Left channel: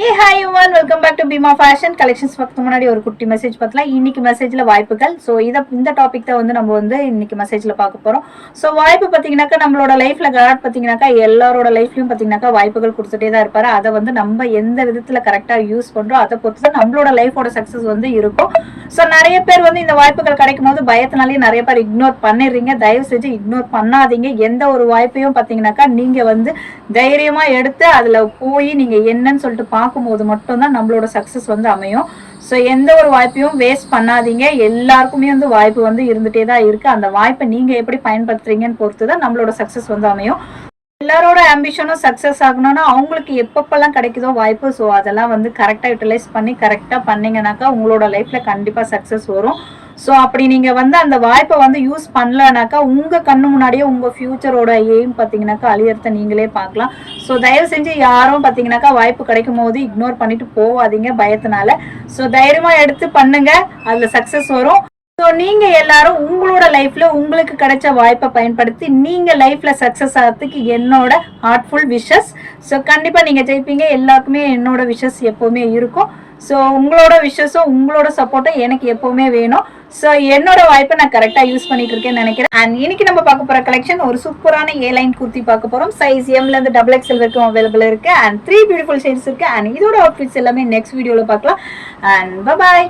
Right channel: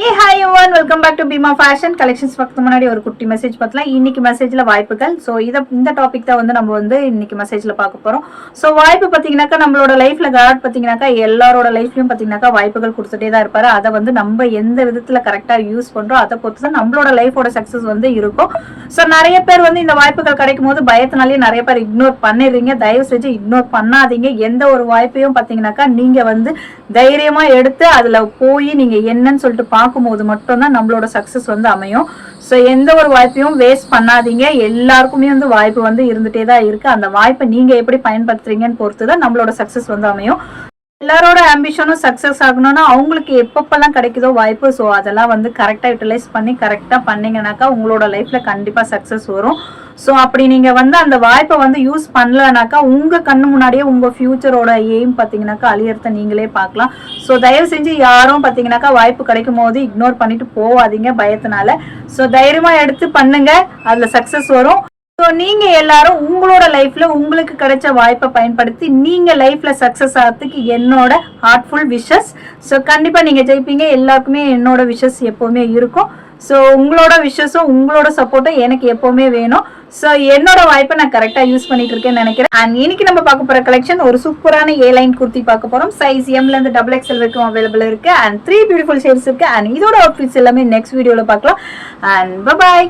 Hey, hi everyone, welcome back to Bima Fashion Collections. பக்கத்து முன்னாடி ஒரு குட்டி மெசேஜ் பார்த்தலாம். இன்னைக்கு மெசேஜ்ல வாய்ப்புகள். ஸோ இந்த டாபிக் தான் வந்து நம்ம வந்து இன்னைக்கு மெசேஜ்ல பார்க்க போறோம். ஸோ வாய்ப்பு பார்த்தீங்கன்னாக்கா நம்மளோட லைஃப்ல காட் பார்த்தீங்கன்னாக்கா எல்லாரோட லைஃப்லயும் பார்த்தீங்கன்னாக்கா வாய்ப்புகள் கொடுத்துட்டே தான் இருப்பாரு. அதை வந்து நம்ம எந்த விதத்துல கரெக்டா யூஸ் பண்றோம் அதை பொறுத்து தான் நம்மளோட லைஃபோட சக்சஸ் வந்து இருக்கும். ஸோ நிறைய பேர் வந்து இந்த வாய்ப்புகள் கிடைக்கும் போது பயத்தினாலேயே நிறைய பேர் இக்னோர் பண்ணிடுறீங்க. தயவு செஞ்சு இக்னோர் பண்ணாதீங்க. எந்த ஒரு வாய்ப்பையும் பார்த்தீங்கன்னாக்கா நீங்க வந்து தைரியமா எடுத்து அதுல போய் நீங்க என்னன்னு சொல்லிட்டு பார்க்கும்போது மட்டும்தான் நம்மளோட சக்சஸ் வந்து அமையும். ஸோ எந்த ஒரு வாய்ப்பையும் வேஸ்ட் பண்ணாதீங்க. எல்லாருக்குமே வந்து வாய்ப்பு வந்து இருந்துட்டே தான் இருக்கு. அந்த வாய்ப்பை நீங்க எப்படி பயன்படுத்துறீங்கன்னு பொறுத்து தான் நம்மளோட சக்சஸ் வந்து அமையும். எல்லாரோட ஆம்பிஷனும் சக்சஸ் ஆகணும்னா அவங்களுக்கு எப்பப்பெல்லாம் கிடைக்குதோ வாய்ப்பு, ஸோ அதெல்லாம் வந்து கரெக்டாக யூட்டிலைஸ் பண்ணி கரெக்டாக பண்ணீங்கன்னாக்கா உங்களோட லைஃப்ல கண்டிப்பாக சக்சஸ் வரும். ஸோ அப்படி நீங்க வந்து அந்த வாய்ப்பை வந்து யூஸ் பண்ணலனாக்கா உங்க கண்ணு முன்னாடியே உங்க ஃபியூச்சரோட எய்ம் பார்த்தீங்கன்னாக்கா அழியறத நீங்களே பார்க்கலாம். ஸோ தயவு செஞ்சு யாரும் பார்த்தீங்கன்னாக்கா வாய்ப்பு கிடைக்கும் போது இக்னோர் பண்ணிட்டு போவாதீங்க பயத்தினால. ஸோ தைரியமா எடுத்து பண்ணுங்க, அதுல சக்சஸ் வரும். ஸோ நீங்க எல்லாரும் உங்களோட லைஃப்ல உங்களுக்கு கிடைச்ச வாய்ப்பை பயன்படுத்தி நீங்க லைஃப்ல சக்சஸ் ஆகிறதுக்கு என்னோட ஹார்ட்ஃபுல் விஷஸ். ஸோ கண்டிப்பா நீங்க ஜெயிப்பீங்க. எல்லாருக்குமே என்னோட விஷஸ் எப்பவுமே இருக்கும். ஸோ உங்களோட விஷஸும் உங்களோட சப்போர்ட்டும் எனக்கு எப்பவுமே வேணும். ஸோ என்னோட வாய்ப்பை நான் கரெக்டா யூஸ் பண்ணிட்டு இருக்கேன்னு நினைக்கிறேன். அண்ட் இன்னைக்கு நம்ம பார்க்க போற கலெக்ஷன் ஒரு சூப்பரான ஏலைன் குர்த்தி பார்க்க போறோம். சைஸ் எம்ல இருந்து XXL வரைக்கும் அவைலபிள் இருக்கு. அண்ட் 3 பியூட்டிஃபுல் ஷேட்ஸ் இருக்கு. அண்ட் இதோட அவுட்ஃபிட்ஸ் எல்லாமே நெக்ஸ்ட் வீடியோல பார்க்கலாம். And by.